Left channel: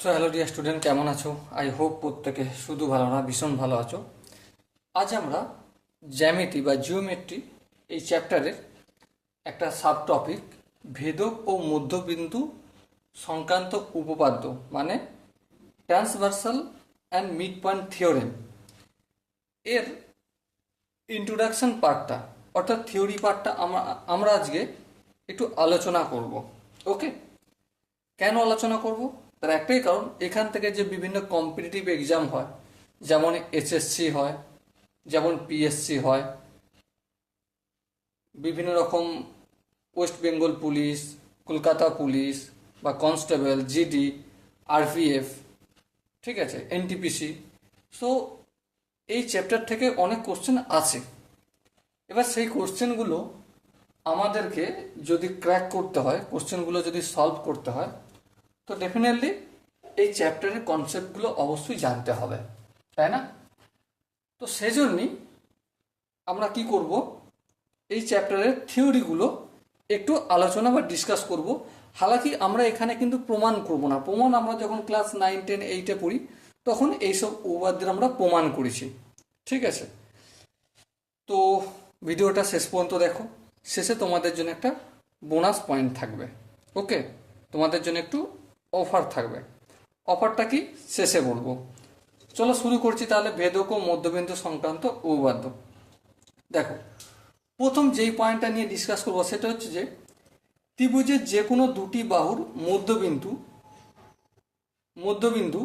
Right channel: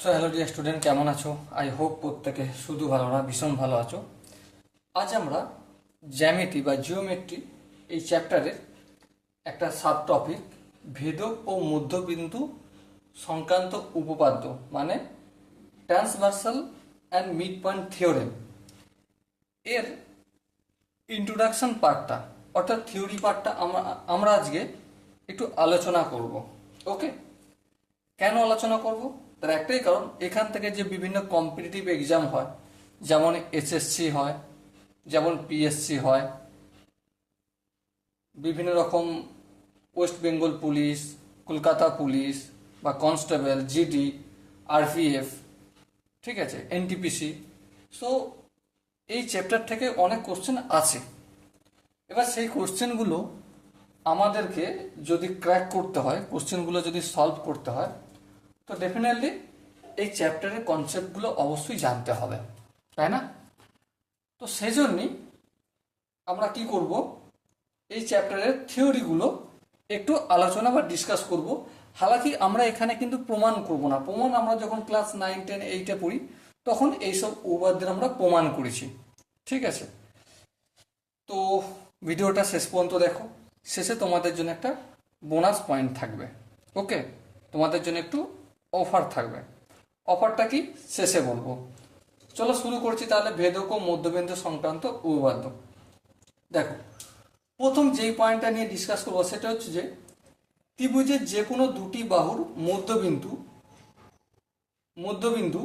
So hello dear student, কেমন আছো? I hope প্রত্যেকে শুধু ভালো না, ভীষণ ভালো আছো। আজ আমরা জ্যামিতি বা জিওমেট্রি এই চ্যাপ্টারের একটা সাব টপিক ভেদক ও মধ্যবিন্দু সংক্রান্ত উপপাদ্য মানে transversal and mid point theorem এর ইন্ট্রোডাকশন পার্টটা অর্থাৎ থিওরি পার্টটা আমরা আজকে একটু আলোচনা করব। ওকে, কেন আলোচনা করব? তার একটাই কারণ, এখান থেকে যে বিভিন্ন কম্পিটিটিভ এক্সাম হয়, যেমন এসএসসি হয়, যেমন পিএসসি হয়, বিভিন্ন রকম West Bengal police, Kolkata police বা কনস্টেবল, জিডি, আরপিএফ, ঠিক আছে, এনটিপিসি। সো এই চ্যাপ্টার থেকে অনেক কোশ্চেন আছে। এবার সেই কোশ্চেনগুলো আমাদেরকে যদি ক্র্যাক করতে হয়, কোশ্চেনগুলো যদি সলভ করতে হয়, তো ডেফিনেটলি এই চ্যাপ্টারের কনসেপ্টগুলো অবশ্যই জানতে হবে, তাই না? তো সেজন্যই আমরা কি করব, এই চ্যাপ্টারের থিওরিগুলো একটু আলোচনা বা ডিসকাস করব। হালাকি আমরা এখানে কিন্তু প্রমাণ করব না। প্রমাণ আমরা যখন ক্লাস 9, 10, 8-এ পড়ি তখন এইসব উপপাদ্যের আমরা প্রমাণ করেছি, ঠিক আছে? তো ভিডিওটা শেষ পর্যন্ত দেখো, শেষে তোমাদের জন্য একটা বোনাস পয়েন্ট থাকবে। ওকে, তোমাদের জন্য একটু অফার থাকবে। অফারটা কি শেষে বলবো। চলো শুরু করছি তাহলে ভেদক ও মধ্যবিন্দু সংক্রান্ত উপপাদ্য। দেখো, প্রথম যেই পয়েন্টটা নিয়ে ডিসকাস করবো সেটা হচ্ছে যে ত্রিভুজের যে কোনো দুটি বাহুর মধ্যবিন্দু মধ্যবিন্দু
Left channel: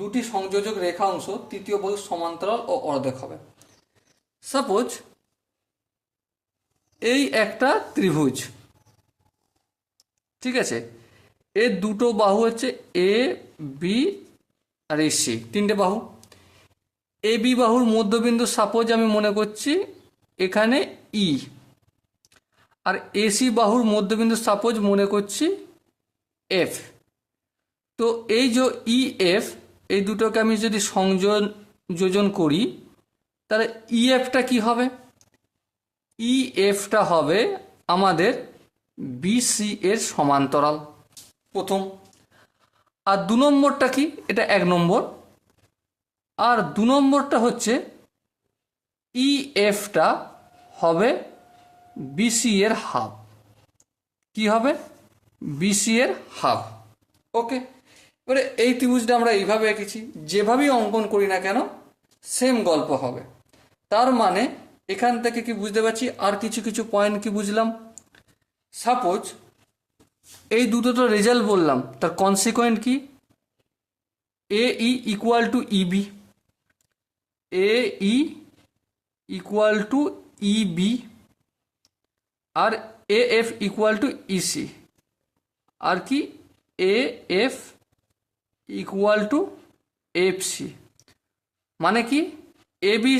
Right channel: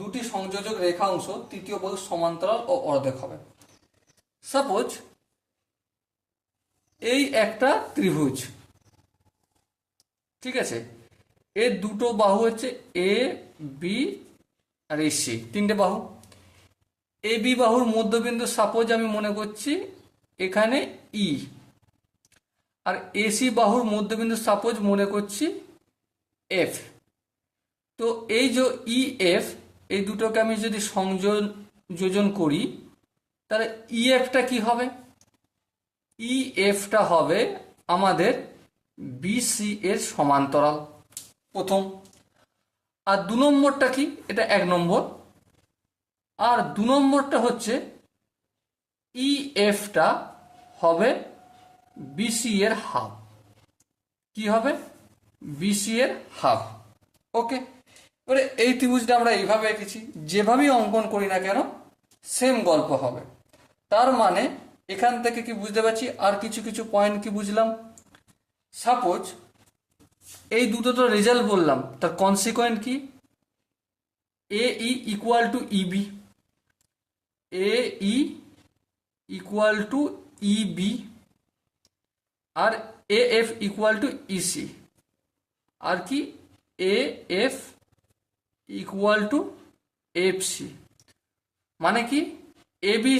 দুটি সংযোজক রেখা অংশ তৃতীয় বাহুর সমান্তরাল ও অর্ধেক হবে। সাপোজ এই একটা ত্রিভুজ, ঠিক আছে, এর দুটো বাহু হচ্ছে এ, বি আর এই সি, তিনটে বাহু। এ বি বাহুর মধ্যবিন্দু সাপোজ আমি মনে করছি এখানে ই, আর এসি বাহুর মধ্যবিন্দু সাপোজ মনে করছি এফ। তো এই যে ই এফ, এই দুটোকে আমি যদি সংযোজন করি তাহলে ই এফটা কি হবে? ই এফটা হবে আমাদের বিসি এর সমান্তরাল, প্রথম। আর দু নম্বরটা কি? এটা এক নম্বর। আর দু নম্বরটা হচ্ছে ই এফটা হবে বিসি এর হাফ। কি হবে? বিসি এর হাফ। ওকে, এবারে এই ত্রিভুজটা আমরা এইভাবে এঁকেছি, যেভাবেই অঙ্কন করি না কেন সেম গল্প হবে। তার মানে এখান থেকে কি বুঝতে পারছি, আর কিছু কিছু পয়েন্ট কি বুঝলাম। সাপোজ এই দুটো তো রেজাল্ট বললাম, তার কনসিকোয়েন্ট কি? A E equal to E B, A E equal to E B, আর A F equal to E C, আর কি A F equal to F C. মানে কি, এ বি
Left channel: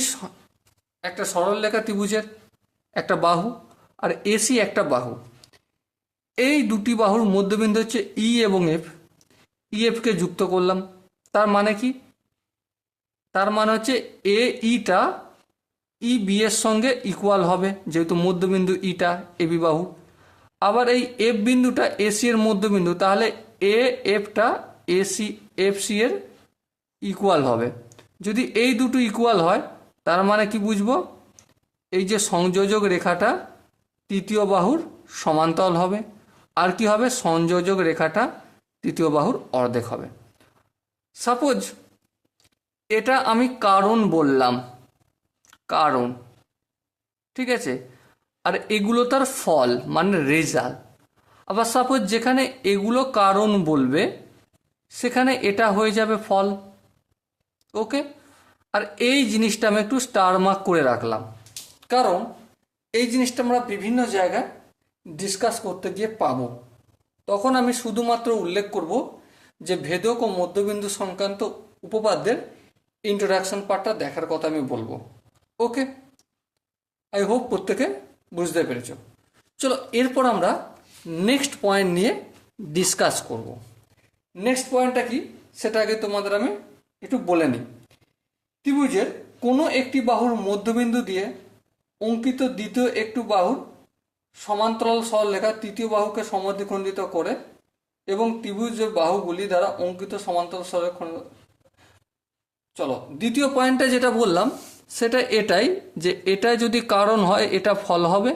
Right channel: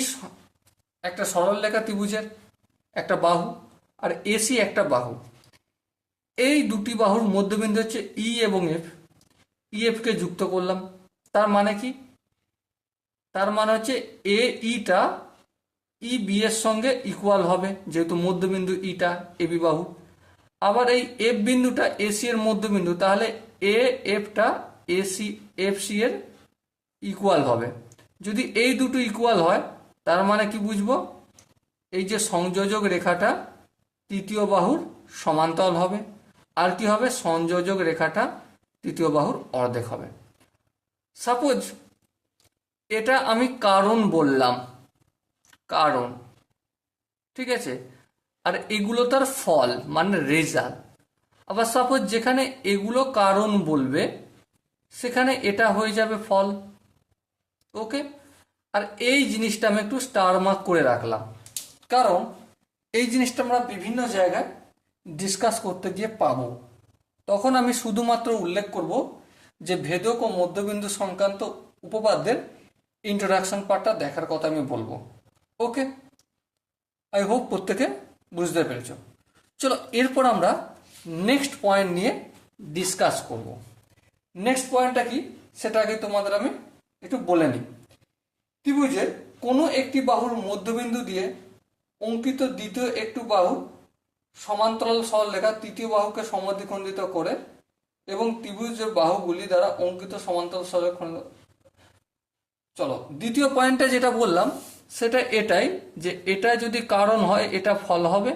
একটা সরলরেখা ত্রিভুজের একটা বাহু, আর এসি একটা বাহু। এই দুটি বাহুর মধ্যবিন্দু হচ্ছে ই এবং এফ। ই এফকে যুক্ত করলাম, তার মানে কি? তার মানে হচ্ছে এ ইটা ই বি এর সঙ্গে ইকুয়াল হবে, যেহেতু মধ্যবিন্দু ইটা এ বি বাহু। আবার এই এফ বিন্দুটা এসি এর মধ্যবিন্দু, তাহলে এ এফটা এসি এফ সি এর ইকুয়াল হবে। যদি এই দুটো ইকুয়াল হয় তার মানে কি বুঝবো? এই যে সংযোজক রেখাটা তৃতীয় বাহুর সমান্তরাল হবে। আর কি হবে? সংযোজক রেখাটা তৃতীয় বাহুর অর্ধেক হবে। সাপোজ এটা আমি কারণ বললাম, কারণ, ঠিক আছে, আর এগুলো তার ফল মানে রেজাল্ট। আবার সাপোজ যেখানে এগুলো কারণ বলবে সেখানে এটা হয়ে যাবে ফল। ওকে, আর এই জিনিসটা আমি একটু স্টার মার্ক করে রাখলাম, কারণ এই জিনিসটা আমরা বিভিন্ন জায়গায় ডিসকাস করতে গিয়ে পাবো। তখন আমি শুধুমাত্র উল্লেখ করব যে ভেদক ও মধ্যবিন্দু সংক্রান্ত উপপাদ্যের ইন্ট্রোডাকশন পার্টটা দেখার কথা আমি বলবো। ওকে, আই হোপ প্রত্যেকে বুঝতে পেরেছ। চলো এরপর আমরা নেক্সট পয়েন্ট নিয়ে ডিসকাস করব। নেক্সট পয়েন্টটা কি সেটা আগে তোমাদের আমি একটু বলে নিই। ত্রিভুজের কোনো একটি বাহুর মধ্যবিন্দু দিয়ে অঙ্কিত দ্বিতীয় একটি বাহুর সমান্তরাল সরলরেখা তৃতীয় বাহুকে সমদ্বিখণ্ডিত করে এবং ত্রিভুজের বাহুগুলি দ্বারা অঙ্কিত সমান্তরাল সরলরেখা। চলো দ্বিতীয় পয়েন্টটা যেটা বললাম সেটা এটাই, যে এটা যদি কারণ হয় এটা ফল হবে,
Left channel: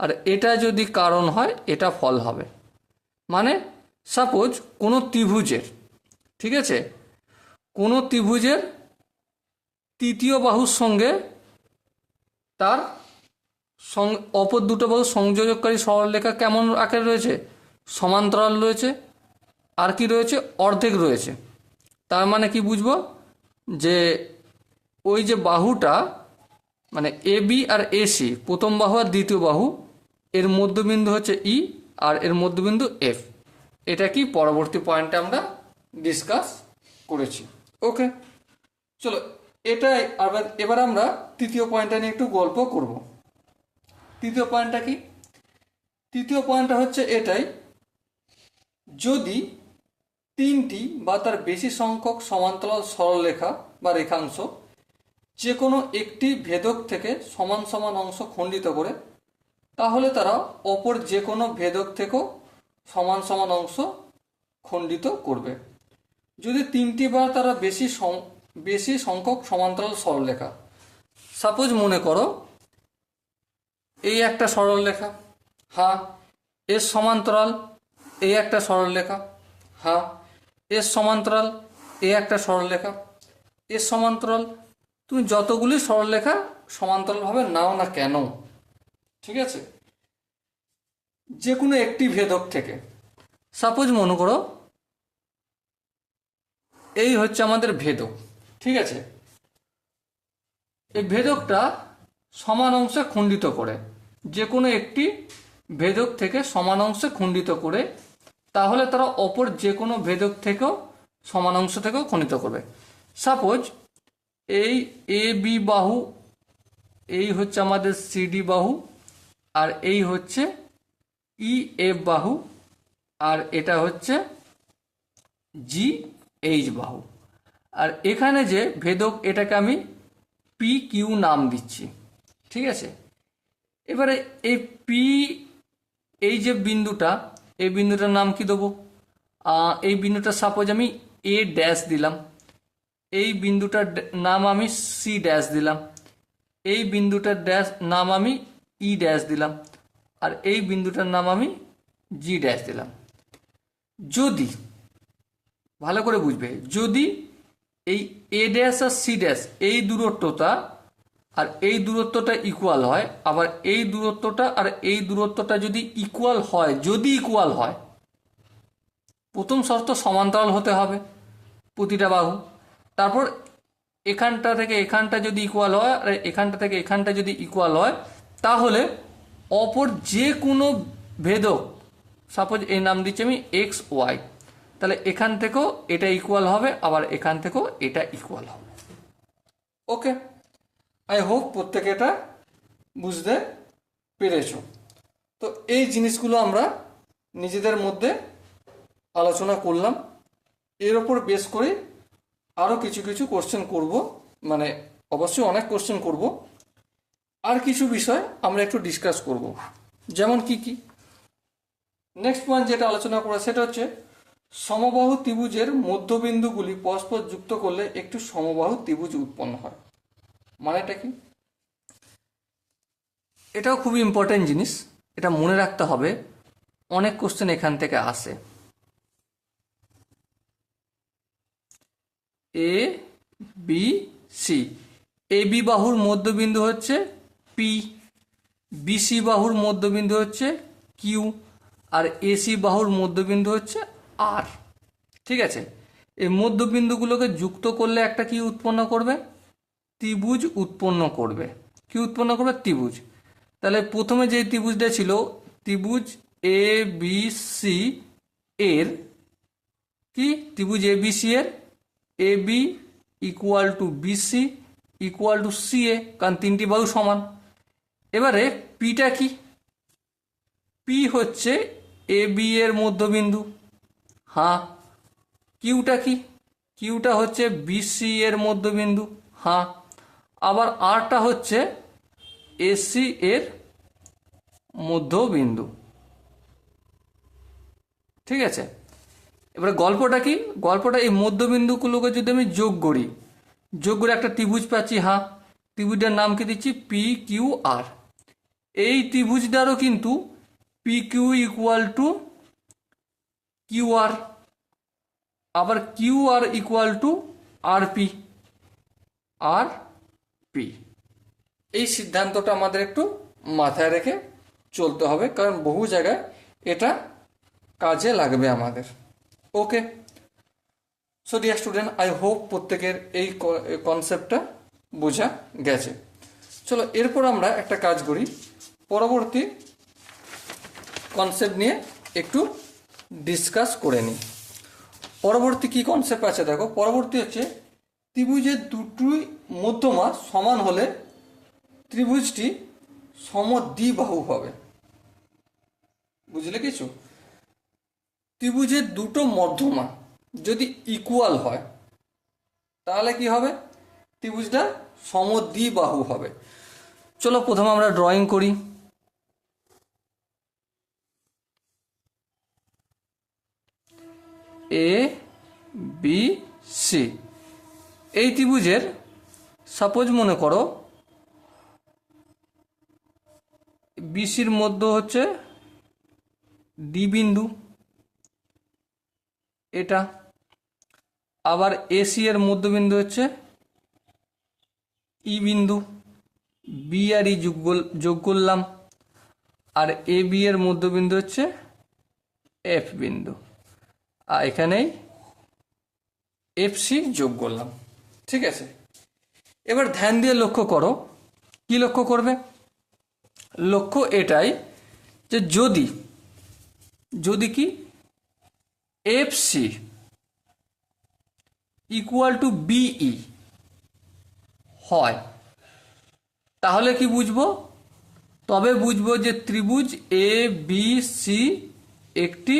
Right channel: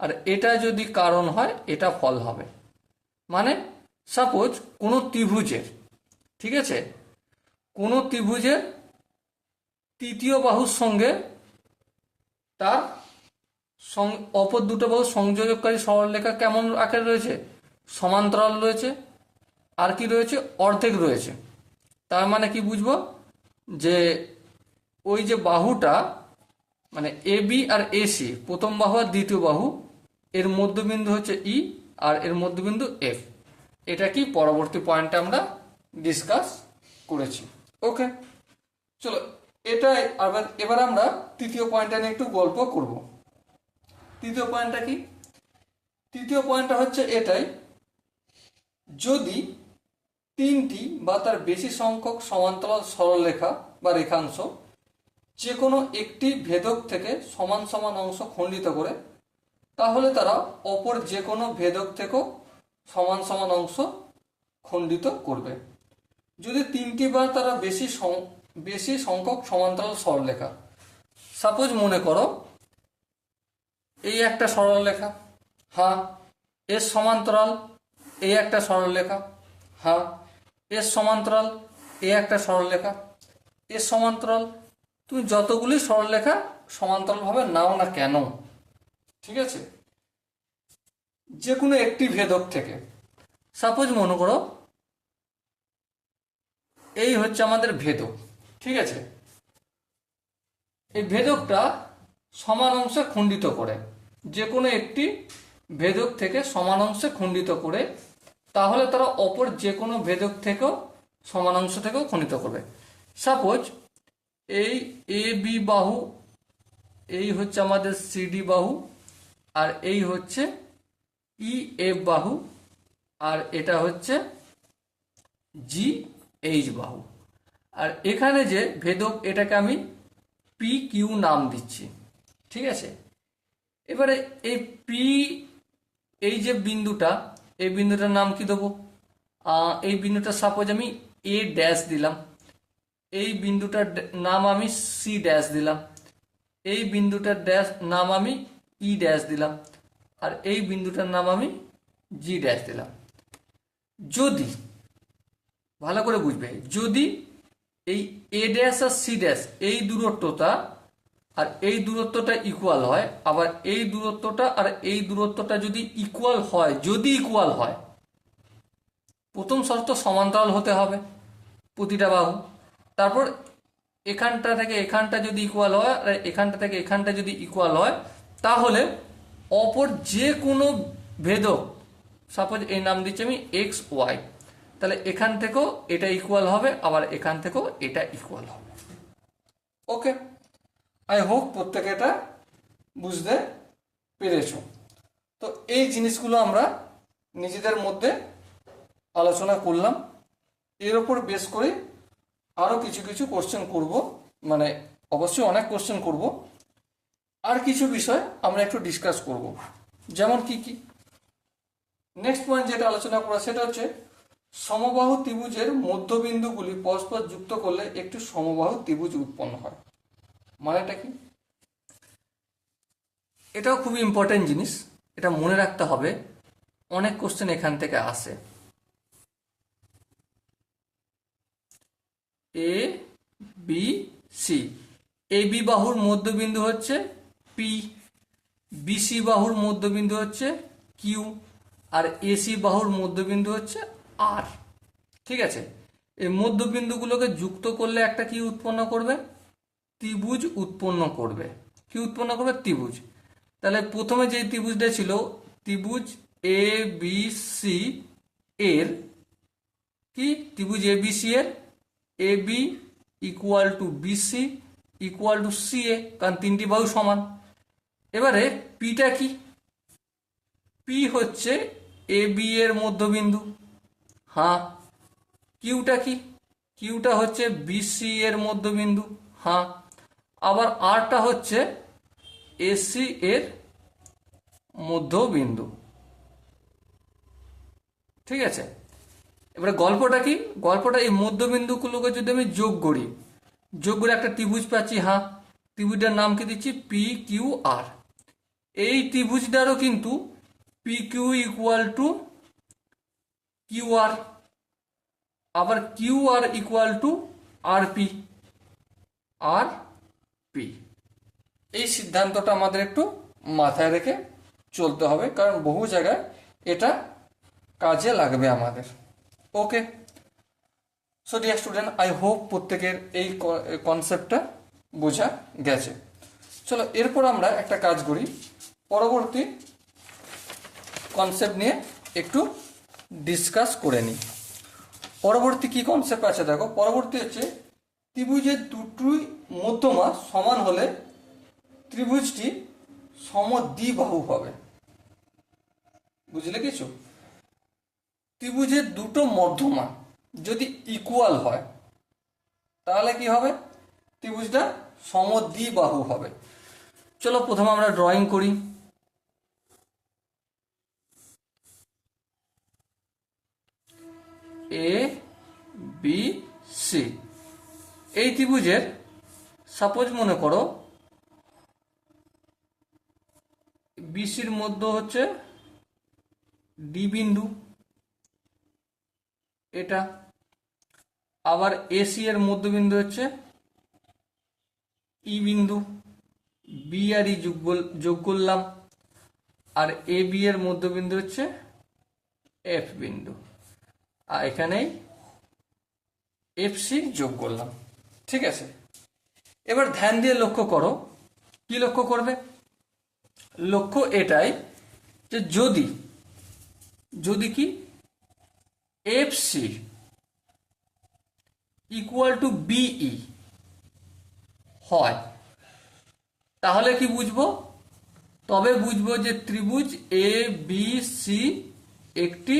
আর এটা যদি কারণ হয় এটা ফল হবে। মানে সাপোজ কোনো ত্রিভুজের, ঠিক আছে, কোনো ত্রিভুজের তৃতীয় বাহুর সঙ্গে তার অপর দুটো বাহু সংযোজককারী সরলরেখা কেমন আকারে রয়েছে, সমান্তরাল রয়েছে, আর কি রয়েছে, অর্ধেক রয়েছে। তার মানে কি বুঝবো, যে ওই যে বাহুটা মানে এ বি আর এসি, প্রথম বাহু আর দ্বিতীয় বাহু, এর মধ্যবিন্দু হচ্ছে ই আর এর মধ্যবিন্দু এফ। এটা কি পরবর্তী পয়েন্টে আমরা ডিসকাস করেছি। ওকে, চলো এটাই এবার আমরা তৃতীয় পয়েন্টটা নিয়ে একটু গল্প করব। তৃতীয় পয়েন্টটা কি, তৃতীয় পয়েন্টটা হচ্ছে এটাই, যদি তিনটি বা তার বেশি সংখ্যক সমান্তরাল সরলরেখা বা রেখাংশ যে কোনো একটি ভেদক থেকে সমান সমান অংশ খণ্ডিত করে, তাহলে তারা অপর যে কোনো ভেদক থেকেও সমান সমান অংশ খণ্ডিত করবে। যদি তিনটি বা তারা বেশি সংখ্যক সমান্তরাল সরলরেখা, সাপোজ মনে করো এই একটা সরলরেখা, হ্যাঁ, এর সমান্তরাল এই একটা সরলরেখা, হ্যাঁ, এর সমান্তরাল এই একটা সরলরেখা, এর সমান্তরাল, তুমি যতগুলি সরলরেখা সমান্তরালভাবে নাও না কেন, ঠিক আছে, যে কোনো একটি ভেদক থেকে। সাপোজ মনে করো এই হচ্ছে আমাদের ভেদক, ঠিক আছে, এই ভেদকটা সমান অংশে খণ্ডিত করে, যে কোনো একটি ভেদক থেকে সমান অংশে খণ্ডিত করে, তাহলে তারা অপর যে কোনো ভেদক থেকেও সমান অংশ থেকেও খণ্ডিত করবে। সাপোজ এই এ বি বাহু, এই হচ্ছে আমাদের সিডি বাহু, আর এই হচ্ছে ই এফ বাহু, আর এটা হচ্ছে জি এইচ বাহু। আর এখানে যে ভেদক এটাকে আমি পি কিউ নাম দিচ্ছি, ঠিক আছে। এবারে এই পি, এই যে বিন্দুটা, এই বিন্দুটার নাম কি দেবো, এই বিন্দুটা সাপোজ আমি এ ড্যাশ দিলাম, এই বিন্দুটার নাম আমি সি ড্যাশ দিলাম, এই বিন্দুটার ড্যাশ নাম আমি ই ড্যাশ দিলাম, আর এই বিন্দুটার নাম আমি জি ড্যাশ দিলাম। যদি ভালো করে বুঝবে, যদি এই a dash R C dash এই দূরত্বটা আর এই দূরত্বটা ইকুয়াল হয়, আবার এই দূরত্বটা আর এই দূরত্বটা যদি ইকুয়াল হয়, যদি ইকুয়াল হয়, প্রথম শর্ত সমান্তরাল হতে হবে প্রতিটা বাহু, তারপর এখানটা থেকে এখানটা যদি ইকুয়াল হয় আর এখানটা থেকে এখানটা যদি ইকুয়াল হয়, তাহলে অপর যে কোনো ভেদক, সাপোজ এই নাম দিচ্ছি আমি এক্স ওয়াই, তাহলে এখান থেকেও এটা ইকুয়াল হবে, আবার এখান থেকেও এটা ইকুয়াল হবে। ওকে, আই হোপ প্রত্যেকে এটা বুঝতে পেরেছ। তো এই জিনিসগুলো আমরা নিজেদের মধ্যে আলোচনা করলাম, এর ওপর বেস করে আরও কিছু কিছু কোশ্চেন করব, মানে অবশ্যই অনেক কোশ্চেন করব, আর কিছু বিষয় আমরা একটু ডিসকাস করব। যেমন কি কি, নেক্সট পয়েন্ট যেটা আলোচনা করা সেটা হচ্ছে সমবাহু ত্রিভুজের মধ্যবিন্দুগুলি পরস্পর যুক্ত করলে একটি সমবাহু ত্রিভুজ উৎপন্ন হয়। মানেটা কি, এটাও খুবই ইম্পর্টেন্ট জিনিস, এটা মনে রাখতে হবে, অনেক কোশ্চেন এখান থেকে আসে। এ বি সি, এ বি বাহুর মধ্যবিন্দু হচ্ছে পি, বিসি বাহুর মধ্যবিন্দু হচ্ছে কিউ, আর এসি বাহুর মধ্যবিন্দু হচ্ছে আর, ঠিক আছে। এই মধ্যবিন্দুগুলোকে যুক্ত করলে একটা কি উৎপন্ন করবে, ত্রিভুজ উৎপন্ন করবে। কি উৎপন্ন করবে, ত্রিভুজ। তাহলে প্রথমে যে ত্রিভুজটা ছিল, ত্রিভুজ এ বি সি এর কি, ত্রিভুজ এ বি সি এর A B equal to B C equal to C A, কারণ তিনটি বাহু সমান। এবারে পিটা কি, পি হচ্ছে এ বি এর মধ্যবিন্দু, হ্যাঁ। কিউটা কি, কিউটা হচ্ছে বিসি এর মধ্যবিন্দু, হ্যাঁ। আবার আরটা হচ্ছে এসি এর মধ্যবিন্দু, ঠিক আছে। এবারে গল্পটা কি, গল্পটা এই মধ্যবিন্দুগুলোকে যদি আমি যোগ করে একটা ত্রিভুজ পাচ্ছি। হ্যাঁ, ত্রিভুজটার নাম কি দিচ্ছি, পি কিউ আর। এই ত্রিভুজটারও কিন্তু P Q equal to Q R, আবার Q R equal to R P. আর পি, এই সিদ্ধান্তটা আমাদের একটু মাথায় রেখে চলতে হবে, কারণ বহু জায়গায় এটা কাজে লাগবে আমাদের। Okay, so dear student, I hope প্রত্যেকের এই কনসেপ্টটা বোঝা গেছে। চলো এরপর আমরা একটা কাজ করি, পরবর্তী কনসেপ্ট নিয়ে একটু ডিসকাস করে নিই। পরবর্তী কি কনসেপ্ট আছে দেখো, পরবর্তী হচ্ছে ত্রিভুজের দুটোই মধ্যমা সমান হলে ত্রিভুজটি সমদ্বিবাহু হবে। বুঝলে কিছু? ত্রিভুজের দুটো মধ্যমা যদি ইকুয়াল হয় তাহলে কি হবে, ত্রিভুজটা সমদ্বিবাহু হবে। চলো প্রথমে আমরা ড্রয়িং করি। এ বি সি, এই ত্রিভুজের সাপোজ মনে করো বিসির মধ্য হচ্ছে ডি বিন্দু, এটা আবার এসি এর মধ্যবিন্দু হচ্ছে ই বিন্দু, বি আর ই যোগ করলাম, আর এ বি এর মধ্যবিন্দু হচ্ছে এফ বিন্দু, আর এখানেই এফ সি যোগ করলাম। ঠিক আছে, এবার ধ্যান দিয়ে লক্ষ্য করো, কি লক্ষ্য করবে, লক্ষ্য এটাই যে যদি কি F C equal to B E হয় তাহলে কি বুঝবো, তবে বুঝবো যে ত্রিভুজ এ বি সি একটি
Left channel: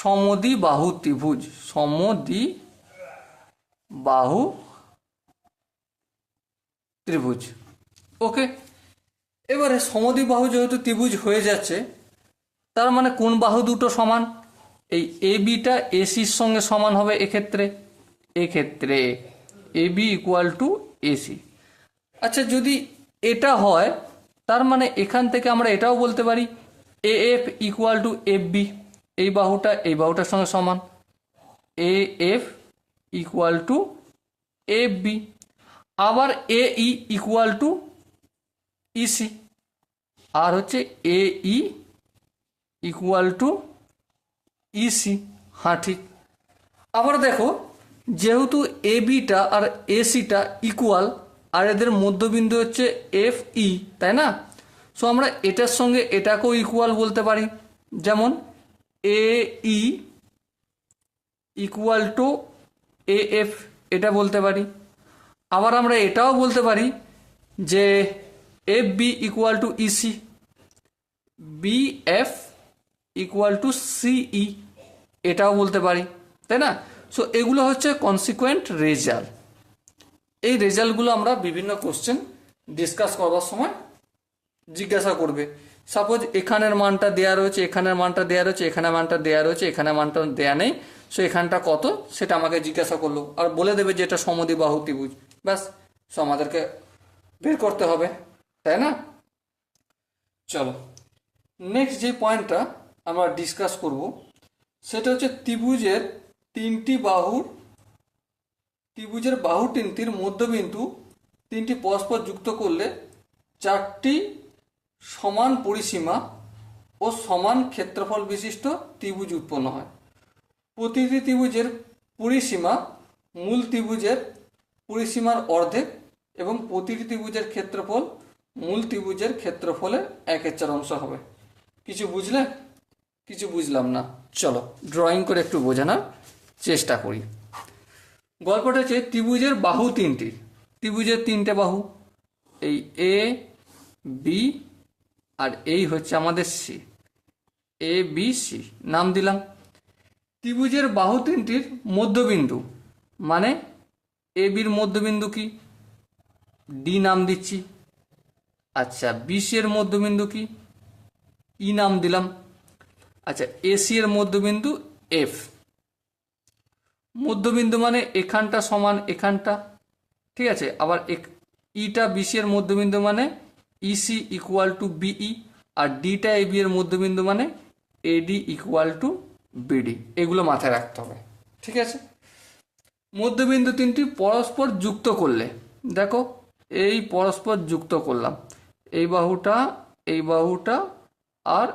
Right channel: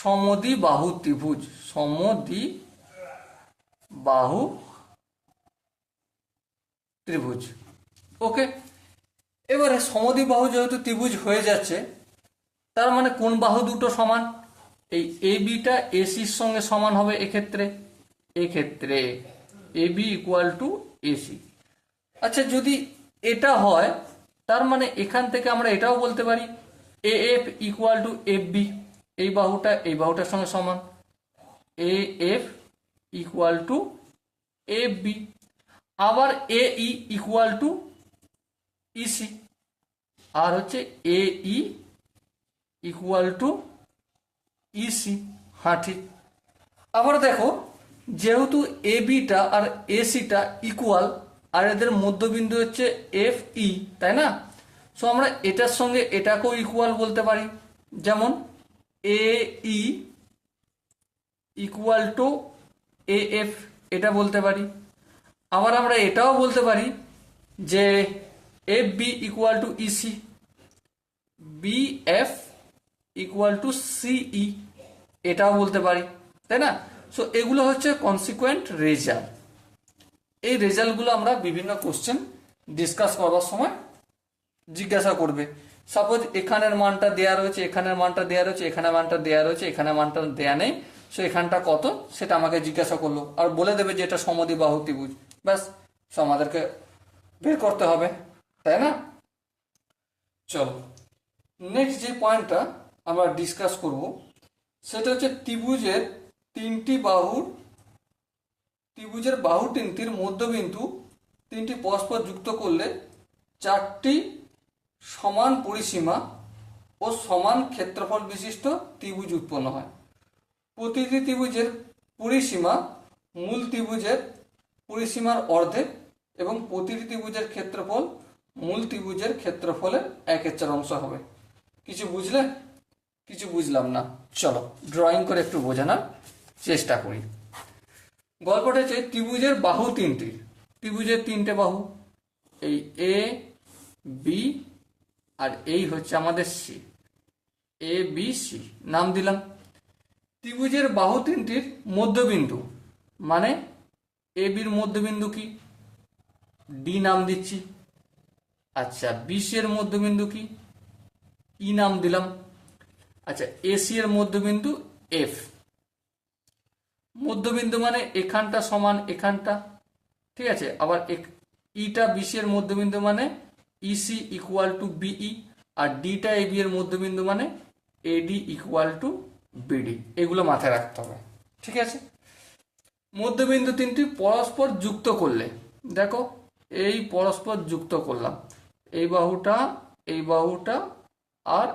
সমদ্বিবাহু ত্রিভুজ, সমদ্বিবাহু ত্রিভুজ। ওকে, এবারে সমদ্বিবাহু যেহেতু ত্রিভুজ হয়ে যাচ্ছে, তার মানে কোন বাহু দুটো সমান, এই এ বিটা এসির সঙ্গে সমান হবে এক্ষেত্রে এ বি ইকুয়াল টু এসি। আচ্ছা, যদি এটা হয় তার মানে এখান থেকে আমরা এটাও বলতে পারি A F equal to F B, এই বাহুটার সঙ্গে সমান, A F equal to F B. আবার A E equal to E C, আর হচ্ছে A E equal to E C. হ্যাঁ ঠিক। আবার দেখো, যেহেতু এ বিটা আর এসিটা ইকুয়াল, আর এদের মধ্যবিন্দু হচ্ছে এফ ই, তাই না? সো আমরা এটার সঙ্গে এটাকেও ইকুয়াল বলতে পারি, যেমন A E equal to A F, এটা বলতে পারি। আবার আমরা এটাও বলতে পারি যে F B equal to E C, B F equal to C E, এটাও বলতে পারি, তাই না? সো এগুলো হচ্ছে কনসিকুয়েন্ট রেজাল্ট। এই রেজাল্টগুলো আমরা বিভিন্ন কোশ্চেন ডিসকাস করার সময় জিজ্ঞাসা করবে। সাপোজ এখানের মানটা দেওয়া রয়েছে, এখানের মানটা দেওয়া রয়েছে, এখানে মানটা দেওয়া রয়েছে, এখানে মানটা দেওয়া নেই, সো এখানটা কত সেটা আমাকে জিজ্ঞাসা করলো, আর বলে দেবে যে এটা সমদ্বিবাহু ত্রিভুজ। ব্যাস, সো আমাদেরকে বের করতে হবে, তাই না? চলো নেক্সট যে পয়েন্টটা আমরা ডিসকাস করব সেটা হচ্ছে ত্রিভুজের বাহু তিনটির মধ্যবিন্দু তিনটি পরস্পর যুক্ত করলে চারটি সমান পরিসীমা ও সমান ক্ষেত্রফল বিশিষ্ট ত্রিভুজ উৎপন্ন হয়। প্রতিটি ত্রিভুজের পরিসীমা মূল ত্রিভুজের পরিসীমার অর্ধেক এবং প্রতিটি ত্রিভুজের ক্ষেত্রফল মূল ত্রিভুজের ক্ষেত্রফলের 1/4 হবে। কিছু বুঝলে? কিছু বুঝলাম না। চলো ড্রয়িং করে একটু বোঝানোর চেষ্টা করি। গল্পটা হচ্ছে ত্রিভুজের তিনটে বাহু, এই এ বি আর এই হচ্ছে আমাদের সি, এ বি সি নাম দিলাম। ত্রিভুজের বাহু তিনটির মধ্যবিন্দু মানে এ বির মধ্যবিন্দু কি, ডি নাম দিচ্ছি। আচ্ছা, বিসি এর মধ্যবিন্দু কি, ই নাম দিলাম। আচ্ছা, এসি এর মধ্যবিন্দু এফ, মধ্যবিন্দু মানে এখানটা সমান এখানটা, ঠিক আছে। আবার ইটা বিসি এর মধ্যবিন্দু মানে ইসি ইকুয়াল টু বিই, আর ডিটা এবি এর মধ্যবিন্দু মানে এডি ইকুয়াল টু বিডি। এগুলো মাথায় রাখতে হবে, ঠিক আছে। মধ্যবিন্দু তিনটি পরস্পর যুক্ত করলে, দেখো এই পরস্পর যুক্ত করলাম, এই বাহুটা আর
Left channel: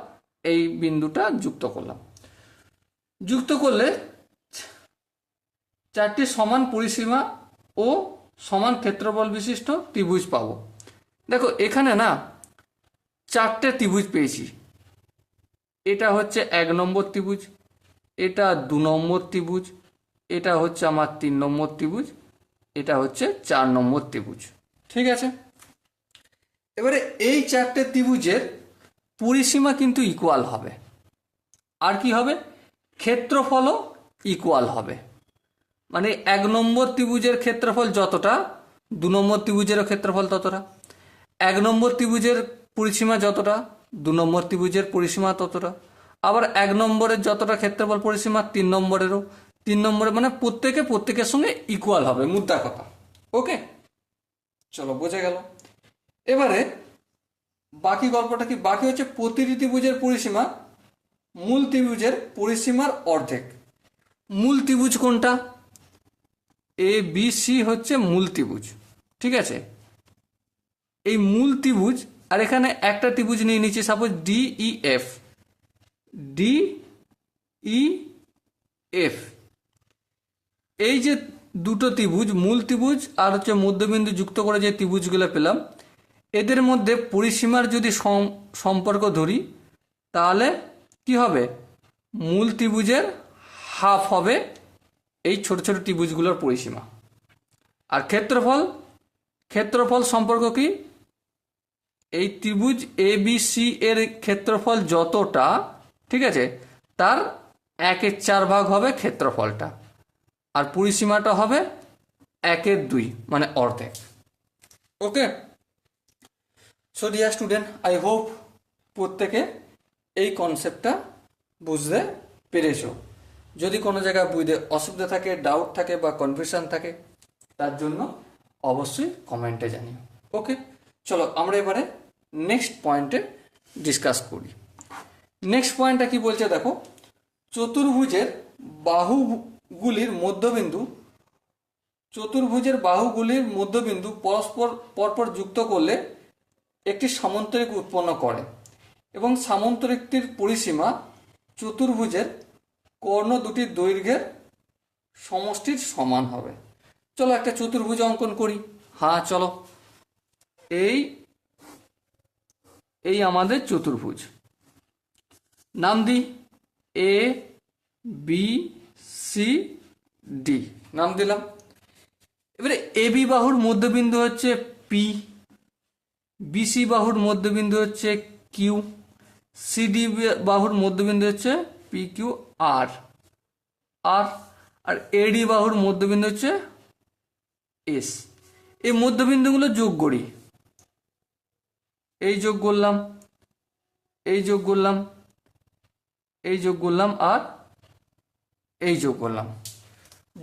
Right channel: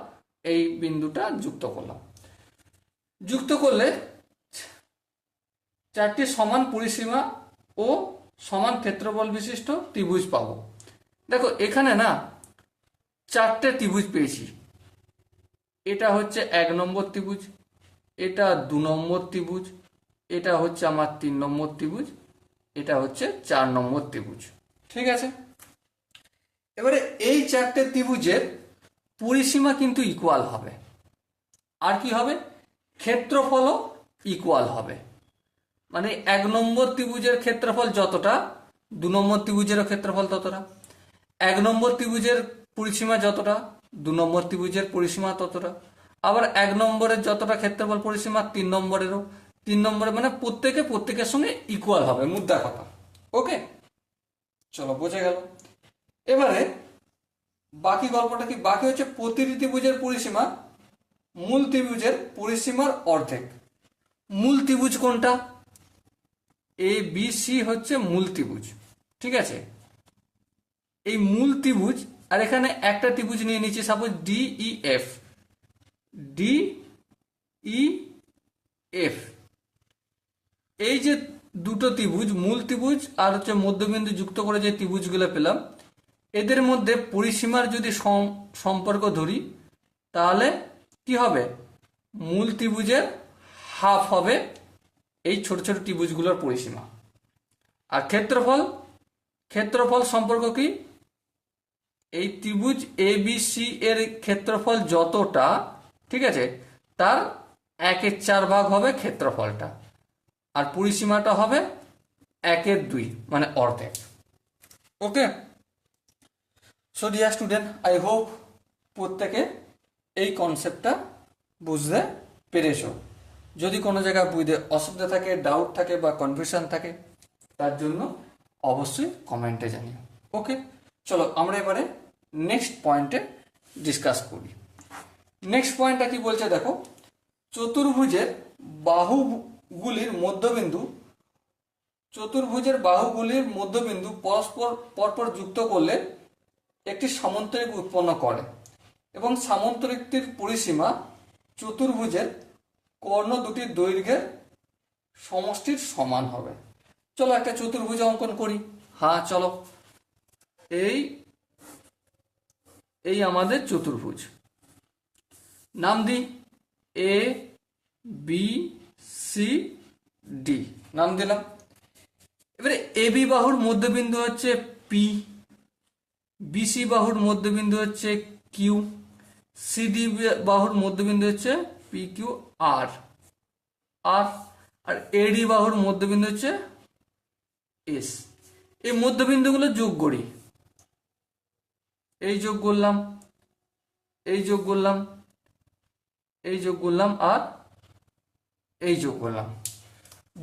এই বিন্দুটা যুক্ত করলাম। যুক্ত করলে চারটি সমান পরিসীমা ও সমান ক্ষেত্রফল বিশিষ্ট ত্রিভুজ পাবো। দেখো এখানে না চারটে ত্রিভুজ পেয়েছি। এটা হচ্ছে 1 নম্বর ত্রিভুজ, এটা 2 নম্বর ত্রিভুজ, এটা হচ্ছে আমার 3 নম্বর ত্রিভুজ, এটা হচ্ছে 4 নম্বর ত্রিভুজ, ঠিক আছে। এবারে এই চারটে ত্রিভুজের পরিসীমা কিন্তু ইকুয়াল হবে, আর কি হবে, ক্ষেত্রফলও ইকুয়াল হবে। মানে 1 নম্বর ত্রিভুজের ক্ষেত্রফল যতটা, 2 নম্বর ত্রিভুজেরও ক্ষেত্রফল ততটা, 1 নম্বর ত্রিভুজের পরিসীমা যতটা, 2 নম্বর ত্রিভুজের পরিসীমা ততটা, আবার 1 নম্বরের যতটা ক্ষেত্রফল পরিসীমা 3 নম্বরেরও, 3 নম্বরে, মানে প্রত্যেকের সঙ্গে ইকুয়াল হবে, মুদ্রা কথা। ওকে, চলো বোঝা গেল। এবারে বাকি গল্পটা কি, বাকি হচ্ছে প্রতিটি ত্রিভুজের পরিসীমা মূল ত্রিভুজের পরিসীমার অর্ধেক। মূল ত্রিভুজ কোনটা, এ বি সি হচ্ছে মূল ত্রিভুজ, ঠিক আছে। এই মূল ত্রিভুজ, আর এখানে একটা ত্রিভুজ নিয়ে নিচ্ছি, সাপোজ ডিইএফ, ডিইএফ। এই যে দুটো ত্রিভুজ, মূল ত্রিভুজ আর হচ্ছে মধ্যবিন্দু যুক্ত করে যে ত্রিভুজগুলো পেলাম, এদের মধ্যে পরিসীমার যদি সম্পর্ক ধরি, তাহলে কি হবে, মূল ত্রিভুজের হাফ হবে এই ছোট ছোট ত্রিভুজগুলোর পরিসীমা। আর ক্ষেত্রফল সম্পর্ক কি, এই ত্রিভুজ এ বি সি এর ক্ষেত্রফল যতটা, ঠিক আছে, তার 1/4 ভাগ হবে ক্ষেত্রফলটা, আর পরিসীমাটা হবে 1/2, মানে অর্ধেক। Okay, so dear student, I hope প্রত্যেকে এই কনসেপ্টটা বুঝতে পেরেছো। যদি কোনো জায়গায় বুঝতে অসুবিধা থাকে, ডাউট থাকে বা কনফিউশন থাকে, তার জন্য অবশ্যই কমেন্টে জানিও। ওকে, চলো আমরা এবারে নেক্সট পয়েন্টে ডিসকাস করি। নেক্সট পয়েন্টটা কি বলছে দেখো, চতুর্ভুজের বাহুগুলির মধ্যবিন্দু পরপর যুক্ত করলে একটি সামন্তরিক উৎপন্ন করে, এবং সামন্তরিকটির পরিসীমা চতুর্ভুজের কর্ণ দুটির দৈর্ঘ্যের সমষ্টির সমান হবে। চলো একটা চতুর্ভুজ অঙ্কন করি। হ্যাঁ চলো, এই আমাদের চতুর্ভুজ, নাম দিই এ বি সি ডি, নাম দিলাম। এবারে এ বি বাহুর মধ্যবিন্দু হচ্ছে পি, বিসি বাহুর মধ্যবিন্দু হচ্ছে কিউ, সিডি বাহুর মধ্যবিন্দু হচ্ছে পি কিউ আর, আর এডি বাহুর মধ্যবিন্দু হচ্ছে এস। এই মধ্যবিন্দুগুলো যোগ করি, এই যোগ করলাম, এই যোগ করলাম, এই যোগ করলাম, আর এই যোগ করলাম।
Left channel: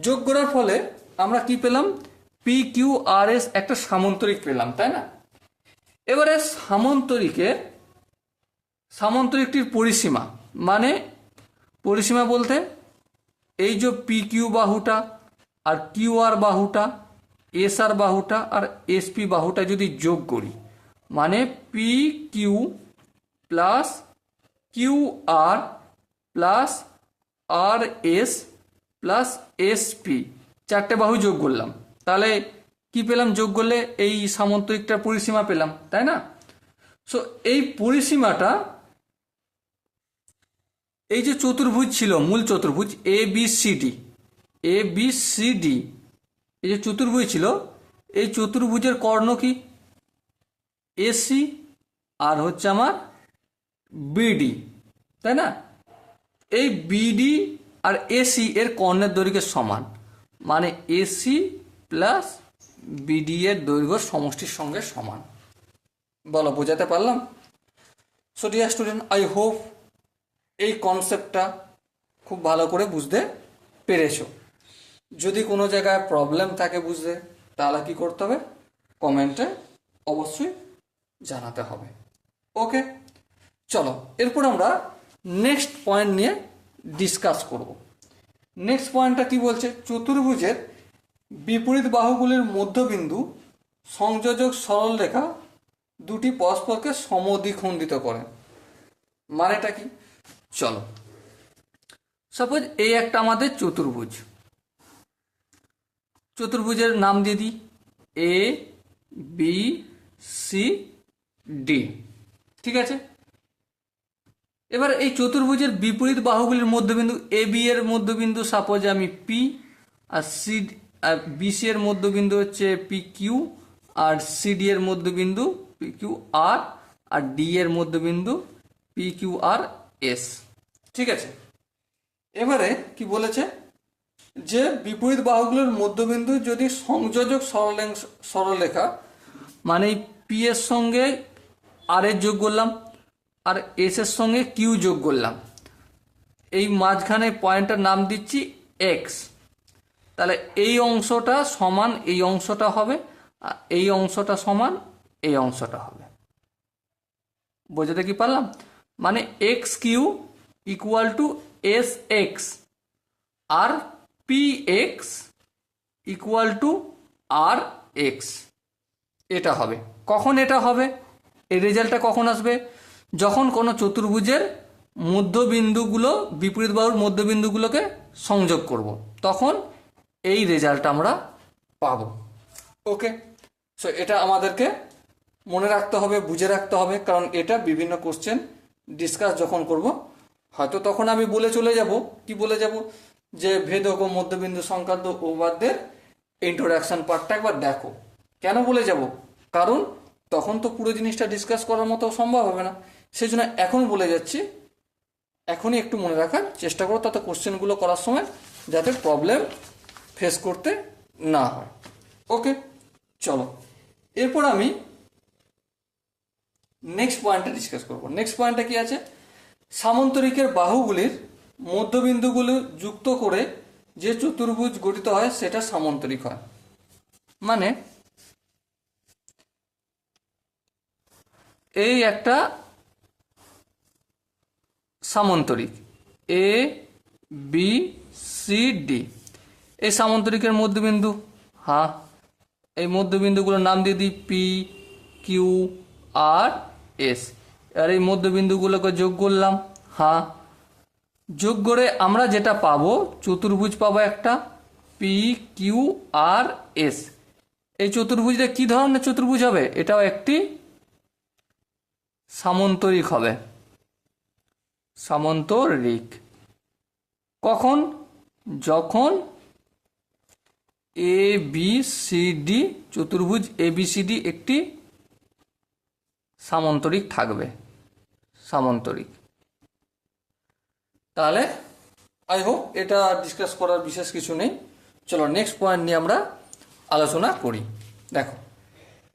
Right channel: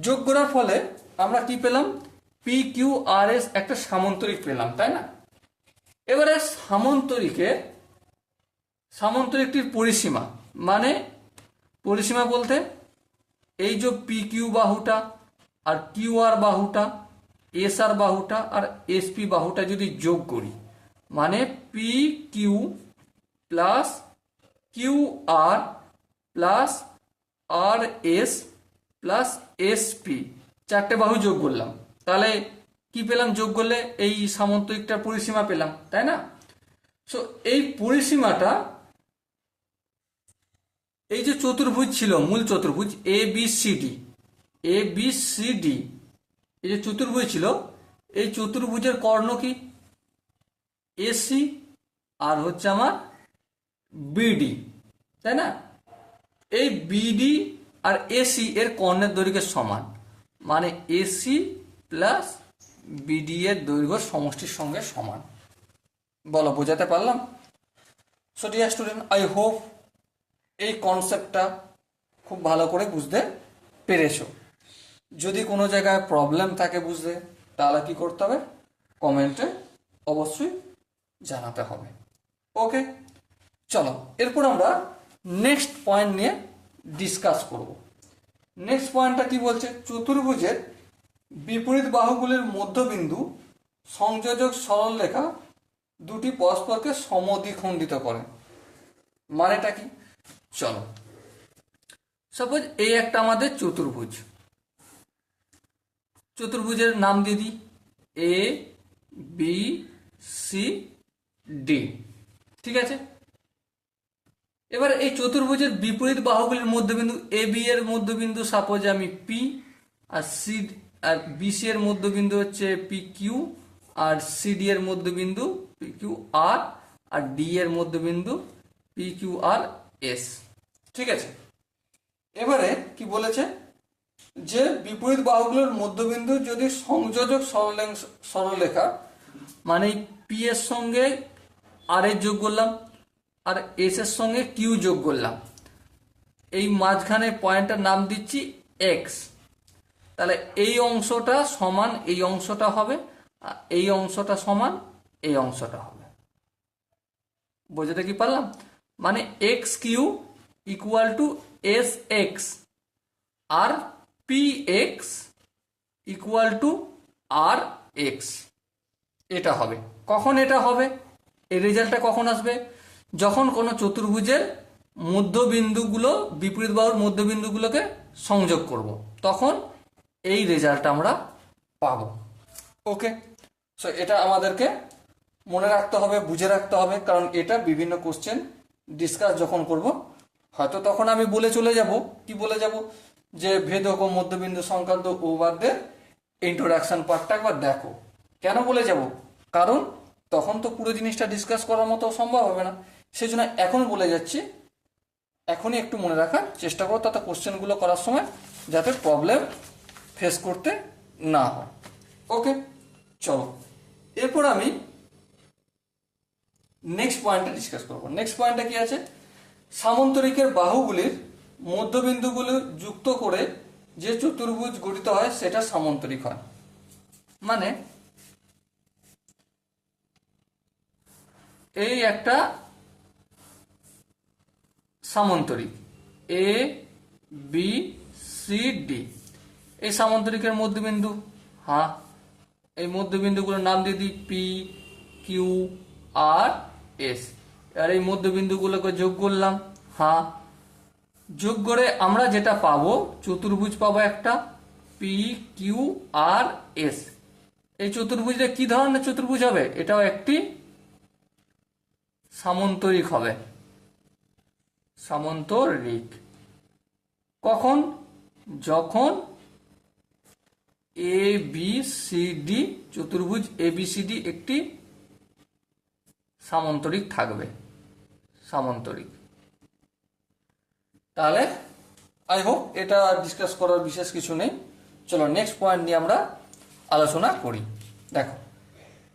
যোগ করার ফলে আমরা কি পেলাম, পি কিউ আর এস একটা সামন্তরিক পেলাম, তাই না। এবারে সামন্তরিকটির পরিসীমা, মানে পরিসীমা বলতে এই যে পি কিউ বাহুটা আর কিউ আর বাহুটা, এস আর বাহুটা আর এস পি বাহুটা যদি যোগ করি, মানে P Q plus Q R plus আর এস প্লাস এস পি, চারটে বাহু যোগ করলাম, তাহলে কি পেলাম, যোগ করলে এই সামন্তরিকটার পরিসীমা পেলাম, তাই না। সো এই পরিসীমাটা, এই যে চতুর্ভুজ ছিল, মূল চতুর্ভুজ এ বি সি ডি, এই যে চতুর্ভুজ ছিল, এই চতুর্ভুজের কর্ণ কি, এসি আর হচ্ছে আমার বিডি, তাই না। এই বিডি আর এসি এর কর্ণের দৈর্ঘ্যের সমান, মানে এসি প্লাস বিডি এর দৈর্ঘ্য সমষ্টির সঙ্গে সমান। বলো বোঝাতে পারলাম? So dear student, I hope এই কনসেপ্টটা খুব ভালো করে বুঝতে পেরেছো। যদি কোনো জায়গায় প্রবলেম থাকে বুঝতে, তাহলে কি করতে হবে, কমেন্টে অবশ্যই জানাতে হবে। ওকে, চলো এরপর আমরা নেক্সট পয়েন্ট নিয়ে ডিসকাস করব। নেক্সট পয়েন্টটা কি বলছে, চতুর্ভুজের বিপরীত বাহুগুলির মধ্যবিন্দু সংযোজক সরলরেখা দুটি পরস্পরকে সমদ্বিখণ্ডিত করে। মানেটা কি, চলো সাপোজ এই একটা আমাদের চতুর্ভুজ, চতুর্ভুজের নাম দিয়ে দিই এ বি সি ডি, ঠিক আছে। এবার এই চতুর্ভুজের বিপরীত বাহুগুলির মধ্যবিন্দু এ বি এর মধ্যবিন্দু সাপোজ আমি পি, আর সি আর বিসি এর মধ্যবিন্দু হচ্ছে পি কিউ, আর সিডি এর মধ্যবিন্দু পি কিউ আর ডি এর মধ্যবিন্দু পি কিউ আর এস, ঠিক আছে। এবারে কি বলেছে, যে বিপরীত বাহুগুলোর মধ্যবিন্দু যদি সংযোজক সরলরেখা, মানে পি এর সঙ্গে আর এর যোগ করলাম আর এস এর সঙ্গে কিউ যোগ করলাম, এই মাঝখানে পয়েন্টটার নাম দিচ্ছি এক্স, তাহলে এই অংশটা সমান এই অংশটা হবে, আর এই অংশটা সমান এই অংশটা হবে। বোঝাতে কি পারলাম, মানে X Q equal to S X আর P X equal to R X, এটা হবে। কখন এটা হবে, এই রেজাল্টটা কখন আসবে, যখন কোনো চতুর্ভুজের মধ্যবিন্দুগুলো বিপরীত বাহুর মধ্যবিন্দুগুলোকে সংযোগ করব, তখন এই রেজাল্ট আমরা পাবো। ওকে, সো এটা আমাদেরকে মনে রাখতে হবে, বুঝে রাখতে হবে, কারণ এটা বিভিন্ন কোশ্চেন ডিসকাস যখন করব, হয়তো তখন আমি বলে চলে যাব, কি বলে যাব, যে ভেদক ও মধ্যবিন্দু সংক্রান্ত উপপাদ্যের ইন্ট্রোডাকশন পার্টটা একবার দেখো। কেন বলে যাব, কারণ তখন তো পুরো জিনিসটা ডিসকাস করার মতো সম্ভব হবে না, সেই জন্য এখন বলে যাচ্ছি, এখনই একটু মনে রাখার চেষ্টা করো, তাতে কোশ্চেনগুলো করার সময় যাতে প্রবলেম ফেস করতে না হয়। ওকে, চলো এরপর আমি নেক্সট পয়েন্টটা ডিসকাস করব। নেক্সট পয়েন্টটা কি আছে, সামান্তরিকের বাহুগুলির মধ্যবিন্দুগুলো যুক্ত করে যে চতুর্ভুজ গঠিত হয় সেটা সামান্তরিক হয়। মানে এই একটা সামান্তরিক এ বি সি ডি, এই সামান্তরিকের মধ্যবিন্দু, হ্যাঁ এই মধ্যবিন্দুগুলোর নাম দিয়ে দিই পি কিউ আর এস। আর এই মধ্যবিন্দুগুলোকে যোগ করলাম, হ্যাঁ যোগ করে আমরা যেটা পাবো, চতুর্ভুজ পাবো একটা পি কিউ আর এস। এই চতুর্ভুজটা কি ধরনের চতুর্ভুজ হবে, এটাও একটি সামান্তরিক হবে, সামান্তরিক। কখন, যখন এ বি সি ডি চতুর্ভুজ এ বি সি ডি একটি সামান্তরিক থাকবে, সামান্তরিক। তাহলে আই হোপ এটা ডিসকাস করার বিশেষ কিছু নেই। চলো নেক্সট পয়েন্ট নিয়ে আমরা আলোচনা করি। দেখো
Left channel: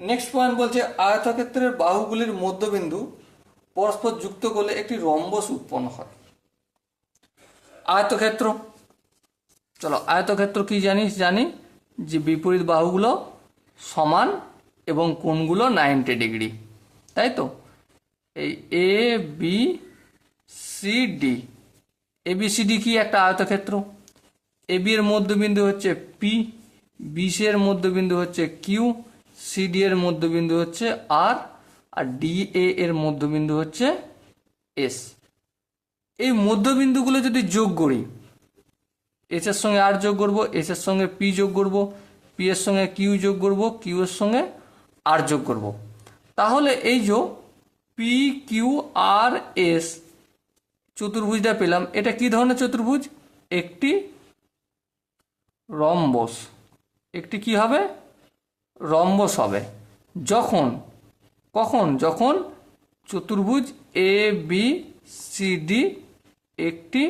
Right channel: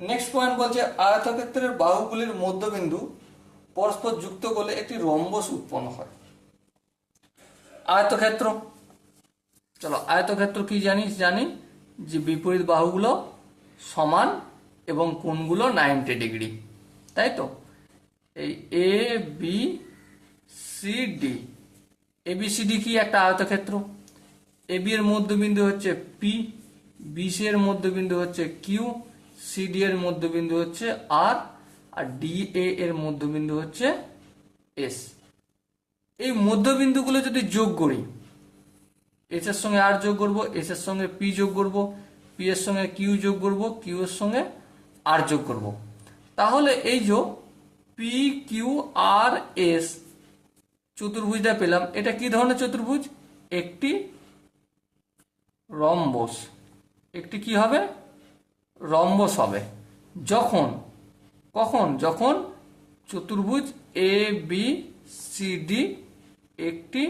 নেক্সট পয়েন্ট বলছে, আয়তক্ষেত্রের বাহুগুলির মধ্যবিন্দু পরস্পর যুক্ত করলে একটি রম্বস উৎপন্ন হয়। আয়তক্ষেত্র, চলো আয়তক্ষেত্র কি জানি যে বিপরীত বাহুগুলো সমান এবং কোণগুলো 90 ডিগ্রি, তাই তো। এই এ বি সি ডি, এ বি সি ডি কি একটা আয়তক্ষেত্র। এ বি এর মধ্যবিন্দু হচ্ছে পি, বি সি এর মধ্যবিন্দু হচ্ছে কিউ, সি ডি এর মধ্যবিন্দু হচ্ছে আর ডি এ এর মধ্যবিন্দু হচ্ছে এস। এই মধ্যবিন্দুগুলো যদি যোগ করি, এস এর সঙ্গে আর যোগ করবো, এস এর সঙ্গে পি যোগ করবো, পি এর সঙ্গে কিউ যোগ করবো, কিউ এর সঙ্গে আর যোগ করবো, তাহলে এই যে পি কিউ আর এস চতুর্ভুজটা পেলাম। এটা কি ধরনের চতুর্ভুজ, একটি রম্বস, একটি কি হবে, রম্বস হবে। যখন, কখন, যখন চতুর্ভুজ এ বি সি ডি একটি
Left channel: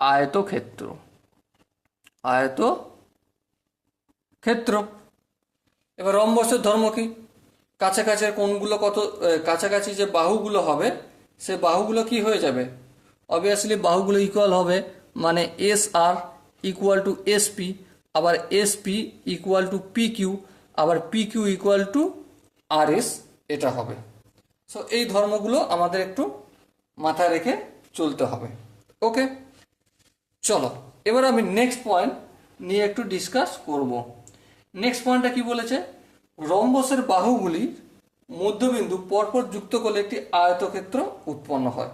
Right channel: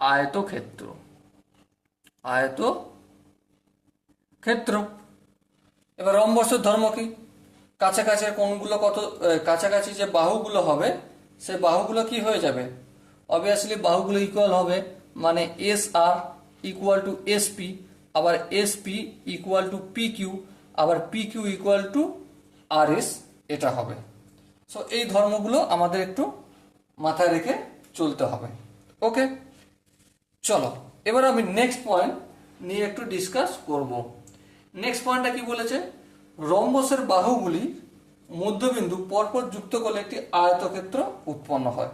আয়তক্ষেত্র, আয়তক্ষেত্র। এবার রম্বসের ধর্ম কি, কাছাকাছি কোণগুলো কত, কাছাকাছি যে বাহুগুলো হবে সে বাহুগুলো কি হয়ে যাবে? অবভিয়াসলি বাহুগুলো ইকুয়াল হবে, মানে S R equal to S P, আবার S P equal to P Q, আবার P Q equal to R S, এটা হবে। সো এই ধর্মগুলো আমাদের একটু মাথায় রেখে চলতে হবে। ওকে, চলো এবার আমি নেক্সট পয়েন্ট নিয়ে একটু ডিসকাস করব। নেক্সট পয়েন্টটা কি বলেছে? রম্বসের বাহুগুলি মধ্যবিন্দু পরপর যুক্ত করলে একটি আয়তক্ষেত্র উৎপন্ন হয়।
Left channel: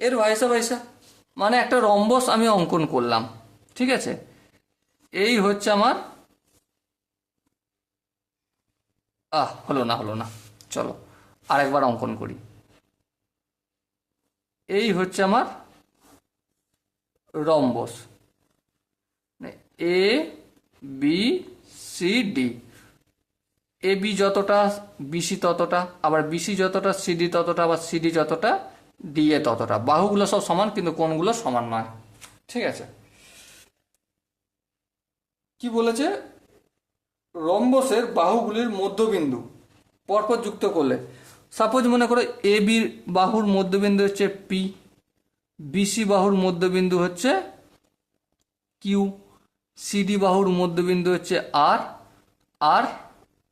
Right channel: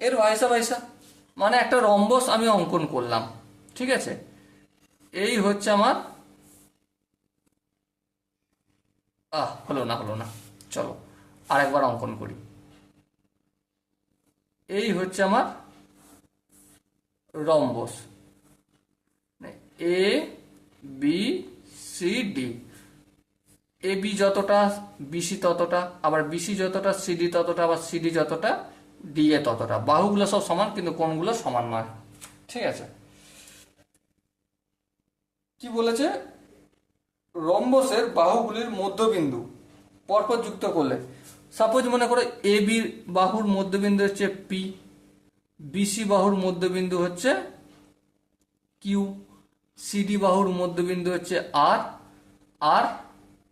এর ভাইসা ভাইসা মানে একটা রম্বস আমি অঙ্কন করলাম, ঠিক আছে? এই হচ্ছে আমার, হলো না, চলো আরেকবার অঙ্কন করি। এই হচ্ছে আমার rhombus, A B C D. A B যতটা বিসি ততটা, আবার বিসি যতটা সিডি ততটা, আবার সিডি যতটা ডিএ ততটা। বাহুগুলো সব সমান কিন্তু কোণগুলো সমান নয়, ঠিক আছে? কি বলেছে? রম্বসের বাহুগুলির মধ্যবিন্দু পরপর যুক্ত করলে, সাপোজ মনে করো এ বি বাহুর মধ্যবিন্দু হচ্ছে পি, বিসি বাহুর মধ্যবিন্দু হচ্ছে কিউ, সিডি বাহুর মধ্যবিন্দু হচ্ছে আর, আর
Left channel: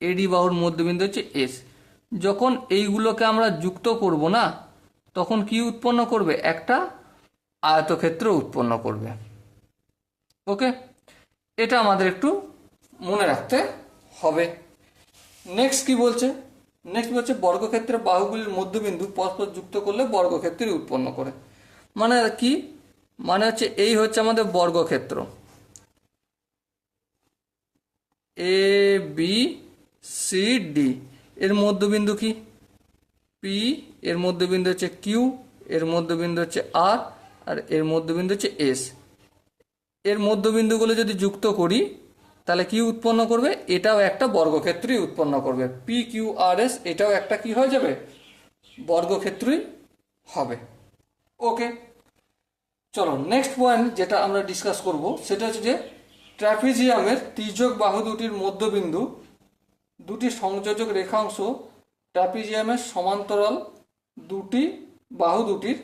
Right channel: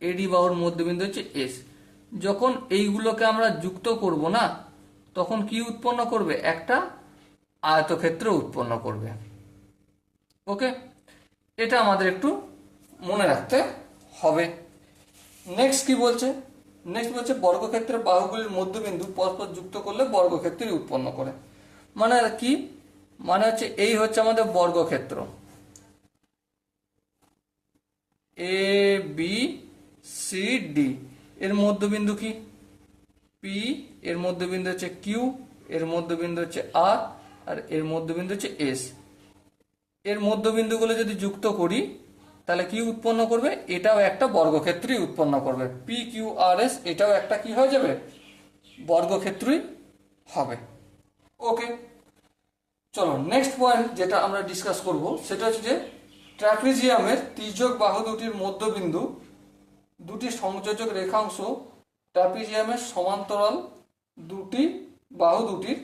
এডি বাহুর মধ্যবিন্দু হচ্ছে এস। যখন এইগুলোকে আমরা যুক্ত করব না, তখন কি উৎপন্ন করবে? একটা আয়তক্ষেত্র উৎপন্ন করবে। ওকে, এটা আমাদের একটু মনে রাখতে হবে। নেক্সট কি বলছে? নেক্সট বলছে বর্গক্ষেত্রের বাহুগুলির মধ্যবিন্দু পরস্পর যুক্ত করলে বর্গক্ষেত্র উৎপন্ন করে। মানে কি? মানে হচ্ছে এই হচ্ছে আমাদের বর্গক্ষেত্র এ বি সি ডি, এর মধ্যবিন্দু কি? পি, এর মধ্যবিন্দু হচ্ছে কিউ, এর মধ্যবিন্দু হচ্ছে আর, আর এর মধ্যবিন্দু হচ্ছে এস। এর মধ্যবিন্দুগুলো যদি যুক্ত করি তাহলে কি উৎপন্ন করবে? এটাও একটা বর্গক্ষেত্রই উৎপন্ন করবে। পি কিউ আর এস, এটাও একটা কি হয়ে যাবে? বর্গক্ষেত্রই হবে। ওকে, চলো নেক্সট পয়েন্ট যেটা আমরা ডিসকাস করব সেটা হচ্ছে যে ট্রাপিজিয়ামের তির্যক বাহু দুটির মধ্যবিন্দু দুটি সংযোজক রেখাংশ ট্রাপিজিয়ামের সমান্তরাল, দুটি বাহু দুটির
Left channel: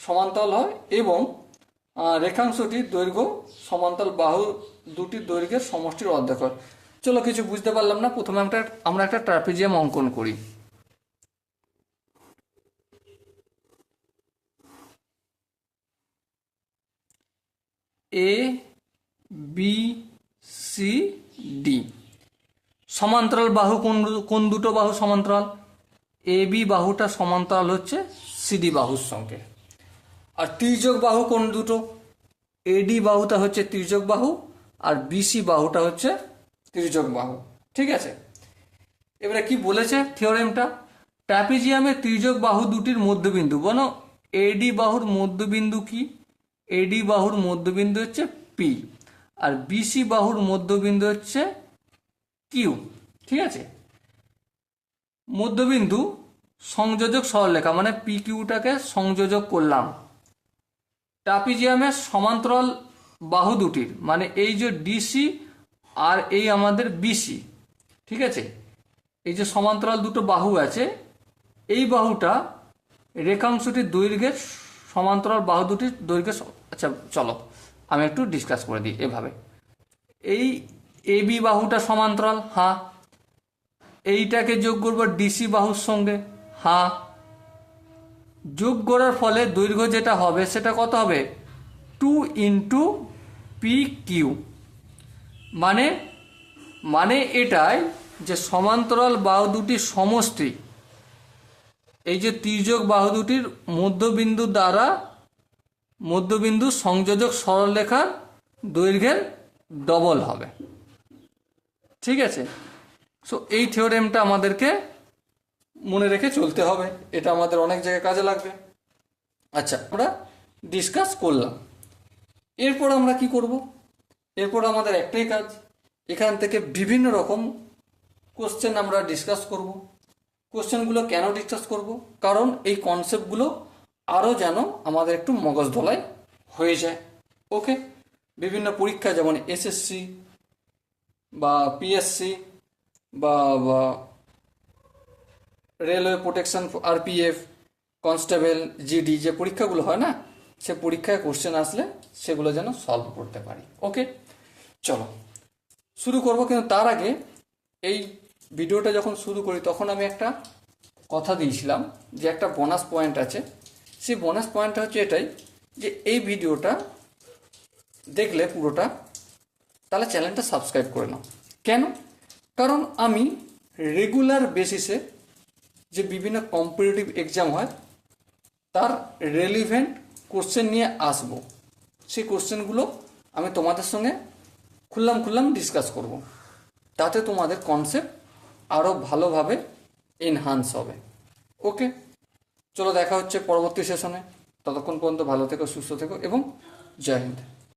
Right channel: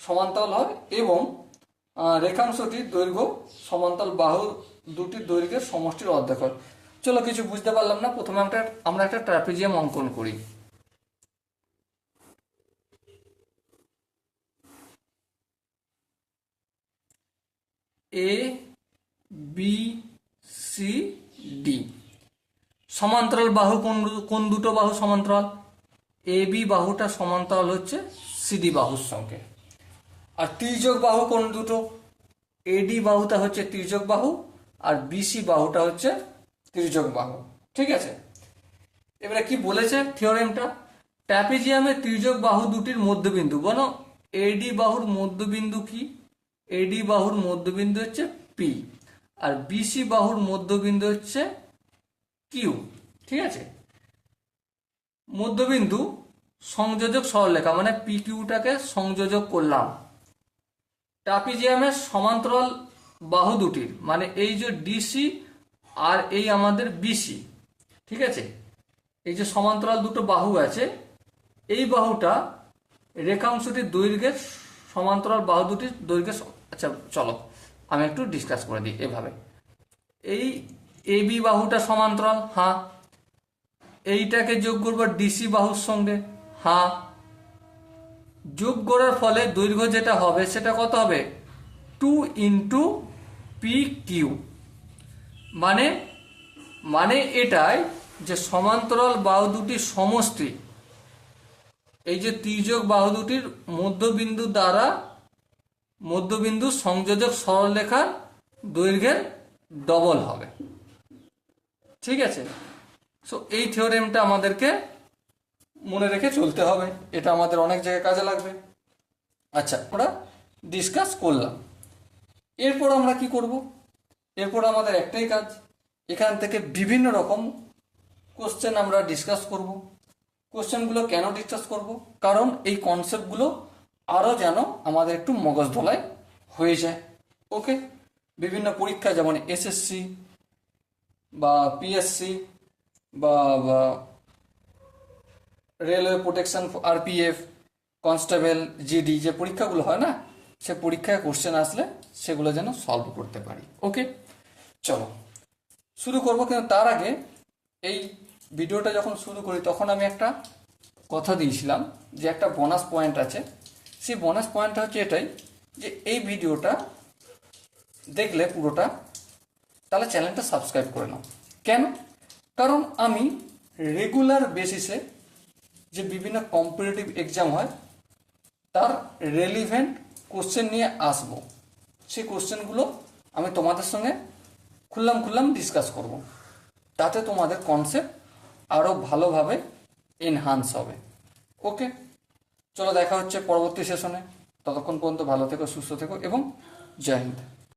সমান্তরাল হয় এবং রেখাংশটির দৈর্ঘ্য সমান্তরাল বাহু দুটির দৈর্ঘ্যের সমষ্টির অর্ধেক হয়। চলো কিছু বুঝতে পারলাম না, প্রথমে আমরা একটা ট্রাপিজিয়াম অঙ্কন করি। এ বি সি ডি সমান্তরাল বাহু, কোন দুটো বাহু সমান্তরাল? এ বি বাহুটা সমান্তরাল হচ্ছে সিডি বাহুর সঙ্গে। আর তির্যক বাহু কোন দুটো? এডি বাহুটা হচ্ছে তির্যক বাহু, আর বিসি বাহুটা হচ্ছে তির্যক বাহু, ঠিক আছে? এবারে কি বলেছে থিওরেমটা? ট্রাপিজিয়ামের তির্যক বাহু দুটির মধ্যবিন্দু, বলো এডি বাহুর মধ্যবিন্দু কি? এডি বাহুর মধ্যবিন্দু হচ্ছে পি, আর বিসি বাহুর মধ্যবিন্দু হচ্ছে কিউ, ঠিক আছে? মধ্যবিন্দু সংযোজক সরলরেখা, মানে পি কিউটাকে সংযোজক করলাম। ট্রাপিজিয়ামের সমান্তরাল বাহু দুটির, মানে এই যে ডিসি আর এই আমাদের বিসি, ঠিক আছে? এই যে সমান্তরাল দুটো বাহু আছে, এই বাহুটা রেখাংশটির দৈর্ঘ্যের সমান্তরাল বাহু দুটির দৈর্ঘ্যের আচ্ছা চলো আমি একটু ডিসকাস করে দিই এভাবে। এই এ বি বাহুটা সমান্তরাল, হ্যাঁ। এইটাকে যোগ করবো ডিসি বাহুর সঙ্গে, হ্যাঁ। যোগ করার ফলে দৈর্ঘ্য যেটা হবে সেটা কত হবে? 2 ইন্টু পি কিউ। মানে মানে এটাই যে সমান্তরাল বাহু দুটির সমষ্টি এই যে তির্যক বাহু দুটির মধ্যবিন্দু দ্বারা মধ্যবিন্দু সংযোজক সরলরেখার দৈর্ঘ্যের ডবল হবে, ঠিক আছে? সো এই থিওরেমটা আমাদেরকে মনে রেখে চলতে হবে, এটা আমাদের অনেক জায়গায় কাজে লাগবে। আচ্ছা, আমরা ডিসকাস করলাম। এরপর আমরা কি করব? এরপর আমাদের একটাই কাজ, এখান থেকে বিভিন্ন রকম কোশ্চেন আমরা ডিসকাস করব। কোশ্চেনগুলো কেন ডিসকাস করব? কারণ এই কনসেপ্টগুলো আরও যেন আমাদের একটু মগজ ধোলাই হয়ে যায়। ওকে, বিভিন্ন পরীক্ষা যেমন এসএসসি বা পিএসসি বা railway protection RPF, constable, GD যে পরীক্ষাগুলো হয় না, সে পরীক্ষায় কোশ্চেন আসলে সেগুলো যেন সলভ করতে পারি। ওকে, চলো শুরু করব। কিন্তু তার আগে এই ভিডিওটা যখন শুরু করি তখন আমি একটা কথা দিয়েছিলাম যে একটা বোনাস পয়েন্ট আছে। সেই বোনাস পয়েন্টটা হচ্ছে এটাই, যে এই ভিডিওটা দেখলে পুরোটা, তাহলে চ্যানেলটা সাবস্ক্রাইব করে নাও। কেন? কারণ আমি রেগুলার বেসিসে যে বিভিন্ন কম্পিটিটিভ এক্সাম হয় তার রেলিভেন্ট কোশ্চেন নিয়ে আসবো। সেই কোশ্চেনগুলো আমি তোমাদের সঙ্গে খুললাম ডিসকাস করব, তাতে তোমাদের কনসেপ্ট আরও ভালোভাবে এনহান্স হবে। ওকে, চলো দেখা হচ্ছে পরবর্তী সেশনে। ততক্ষণ পর্যন্ত ভালো থেকো, সুস্থ থেকো এবং জয় হিন্দ।